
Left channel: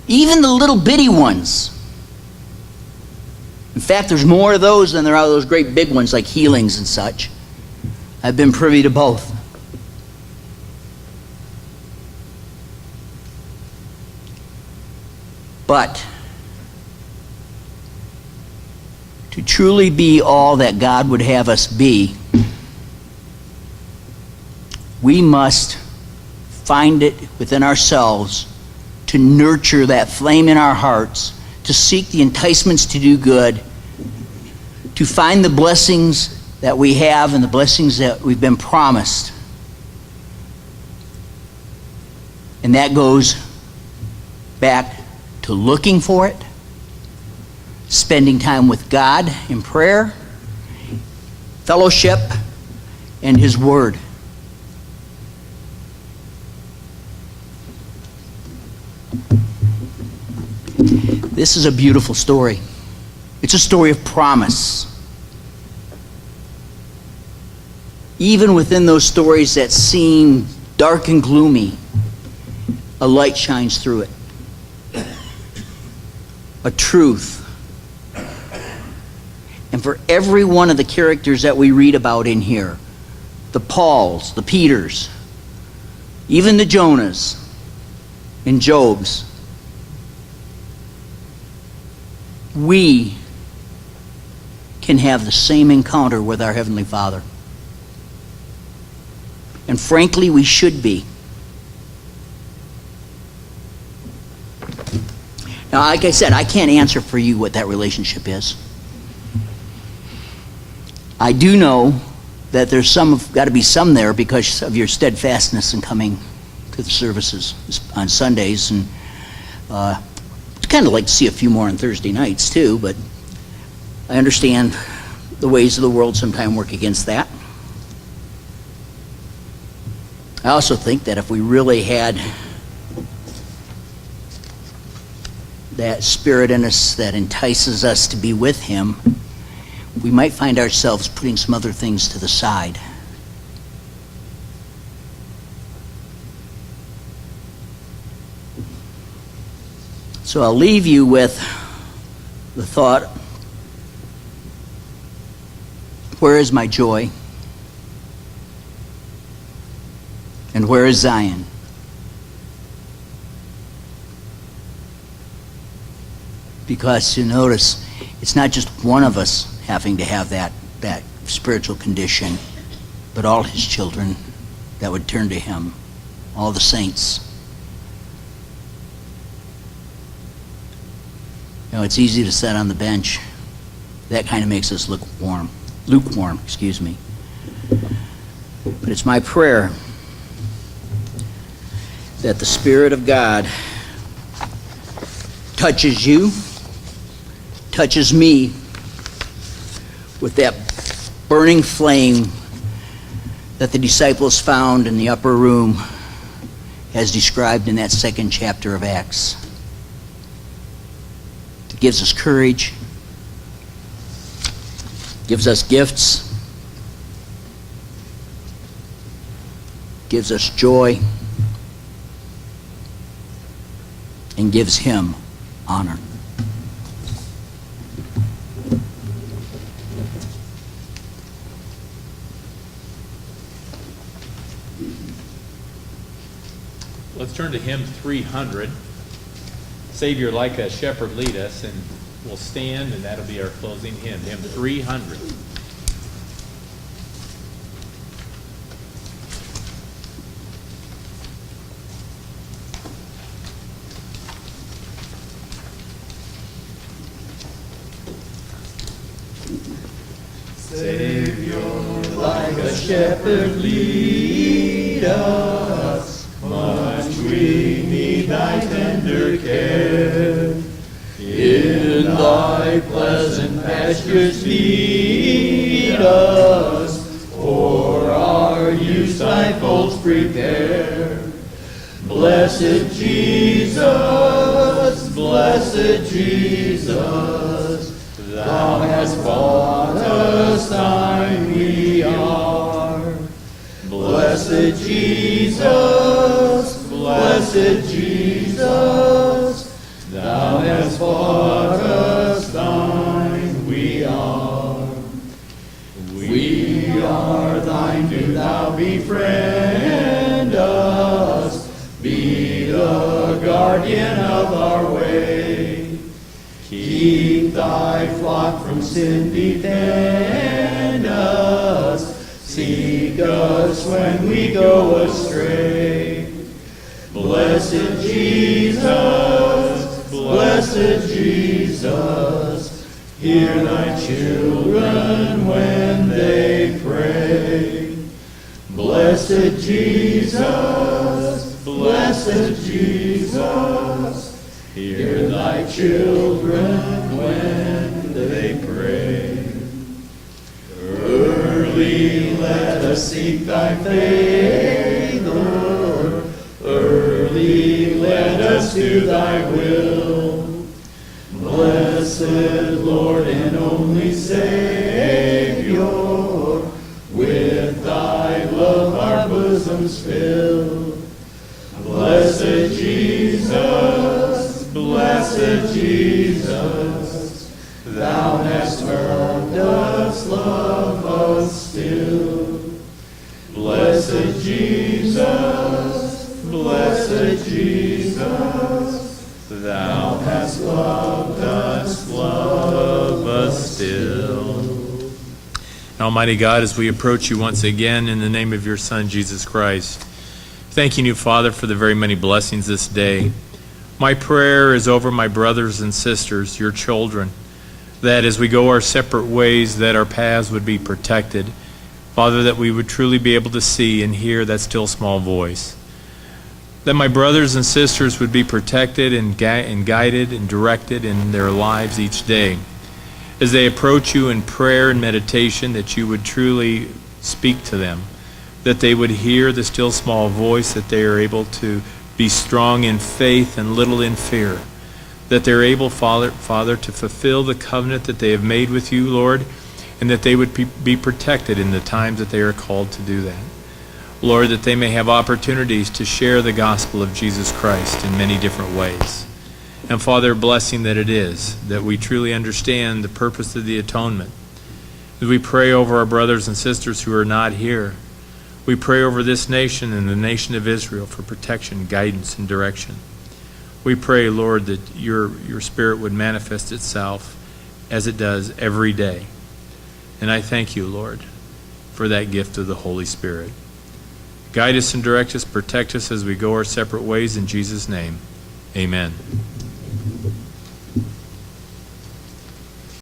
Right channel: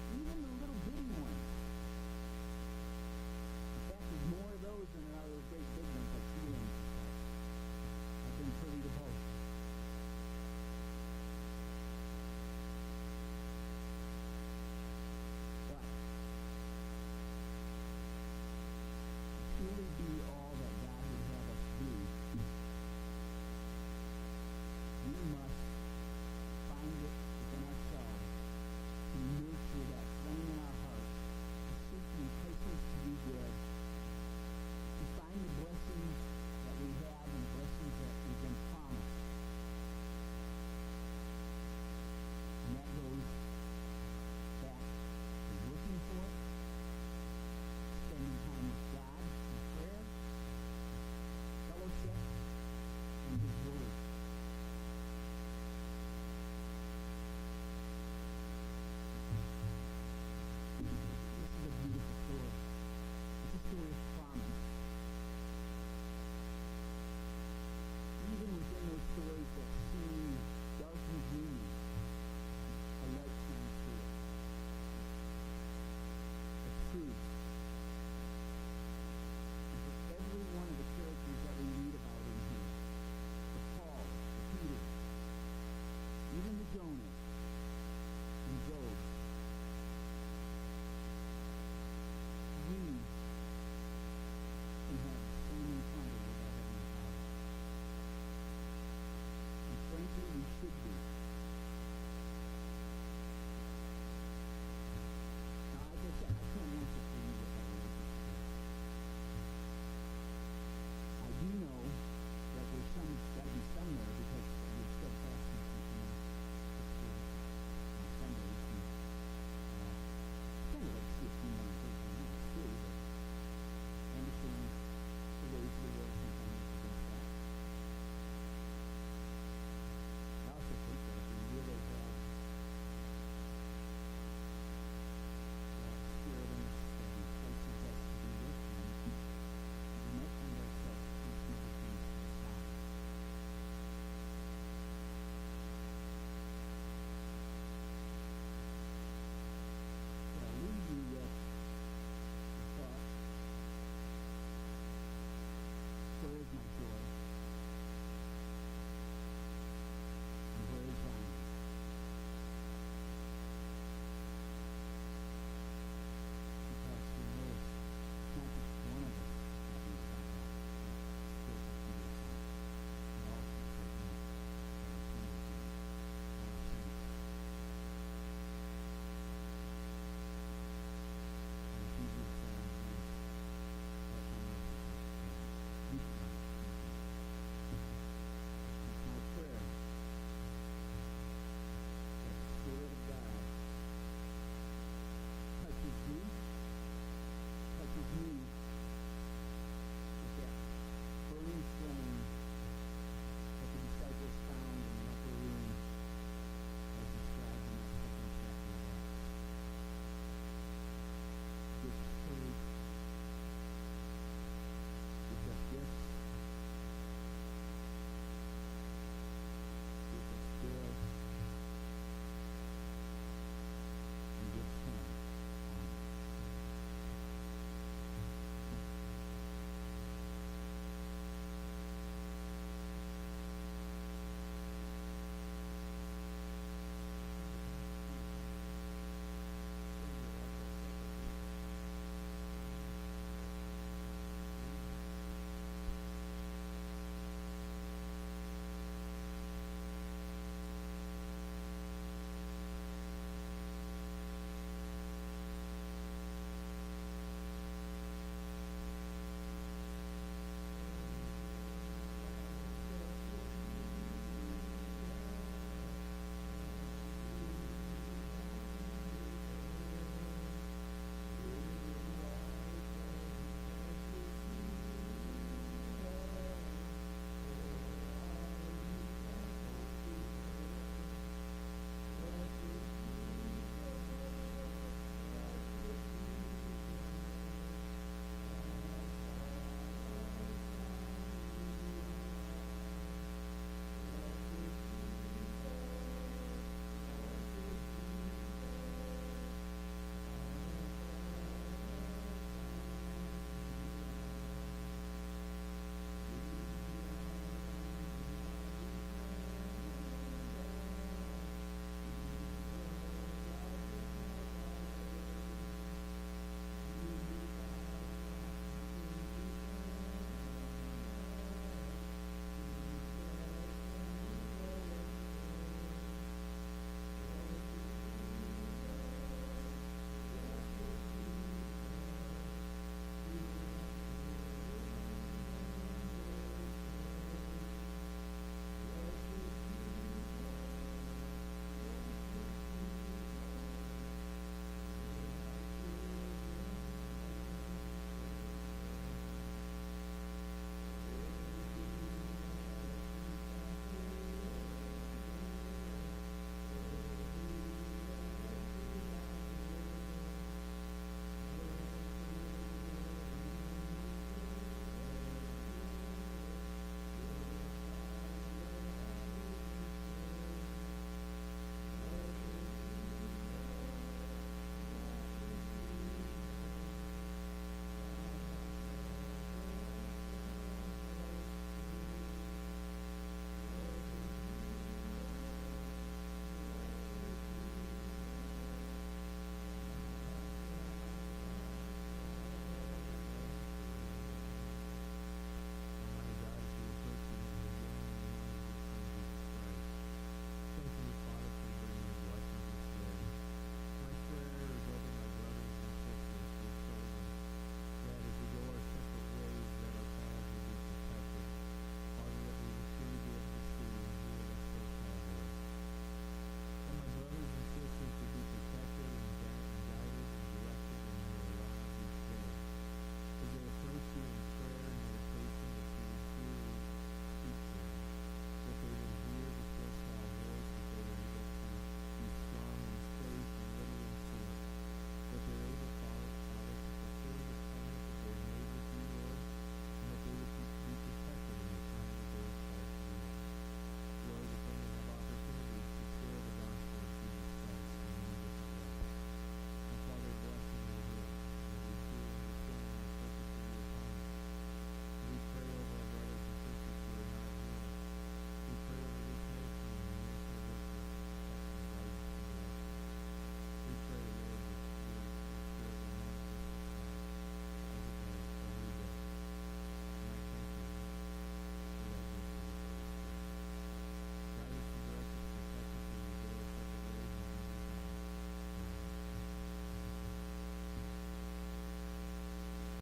even the little bitty ones. In fact, there's more of those than there are those great big ones like healings and such. I've been privy to both. But to truly be all that God would have us be, we must find it within ourselves to nurture that flame in our hearts, to seek the enticements to do good, to find the blessings that we have and the blessings that we've been promised. And that goes back to looking for it, spending time with God in prayer, fellowship, and His Word. This is a beautiful story. It's a story of promise. Even within those stories that seem dark and gloomy, a light shines through it. A truth. And for every one of the characters that we read about in here, the Pauls, the Peters, even the Jonahs and Jobs, we can have the same encounter with our Heavenly Father. And frankly, we should be. Now, like I said, I can't answer for you what that relationship is. I do know that there's got to be some there because of your steadfastness in coming to the services on Sundays, and I'd kind of like to see a few more on Thursday nights too, but I understand the ways of the world sometimes work against that. I also think that if we really had that spirit in us that entices us to be with Him, we might find ourselves putting some other things to the side. So I'll leave you with the thought, where is my joy? And where is Zion? Because you notice, it's not just one of us having to have that spiritual condition, but all His children that would turn to Him, all the saints. You know, it's easy to sit on the bench. That kind of makes us look lukewarm, excuse me. But it's my prayer that the Spirit of God touches you, touches me with that burning flame that the disciples found in the upper room as described in that 2nd chapter of Acts. It gives us courage, gives us gifts, gives us joy, and gives Him honor. Let's turn to hymn 300. Savior, like a shepherd, lead us, and we'll stand, and that'll be our closing hymn, hymn 300. Savior, like shepherd, lead us. Much we need thy tender care. In thy pleasant pastures feed us. For our use thy folds prepare. Blessed Jesus, blessed Jesus, thou hast bought us, thine we are. Blessed Jesus, blessed Jesus, thou hast bought us, thine we are. We are thine, do thou befriend us, be the guardian of our way. Keep thy flock from sin, defend us, seek us when we go astray. Blessed Jesus, blessed Jesus, hear thy children when they pray. Blessed Jesus, blessed Jesus, hear thy children when they pray. Early let us seek thy favor, early let us do thy will. Blessed Lord and only Savior, with thy love our bosoms fill. Blessed Jesus, blessed Jesus, thou hast loved us, love us still. Blessed Jesus, blessed Jesus, thou hast loved us, love us still. Almighty God, as we approach you once again in the name of your Son, Jesus Christ, thanking you, Father, for the very many blessings this day. My prayer is over my brothers and sisters, your children, that as we go our separate ways, that our paths would be protected. Father, that we would truly be able to see and hear that still small voice. That my brothers and sisters would be protected and guided and directed in their lives each day. As they approach you in prayer and meditation, that you would truly speak to them, that they would hear the still small voice, that they are able to be strong in faith and little in fear, that they're able, Father, to fulfill the covenant that they have made with you, Lord, and that they would be protected in the times that they are called to do that. Lord, that they may have opportunities to share the gospel of Jesus Christ in many different ways. And Father, blessing that it is, that we truly understand the purpose of the atonement. As we pray over our brothers and sisters who are not here, we pray over this nation and the nation of Israel for protection, guidance, and direction. We pray, Lord, that your Spirit would manifest itself as it does every day. And I thank you, Lord, for that gift of the Holy Spirit. Guide us and direct us, protect us as we go our separate ways in Jesus' name. Amen.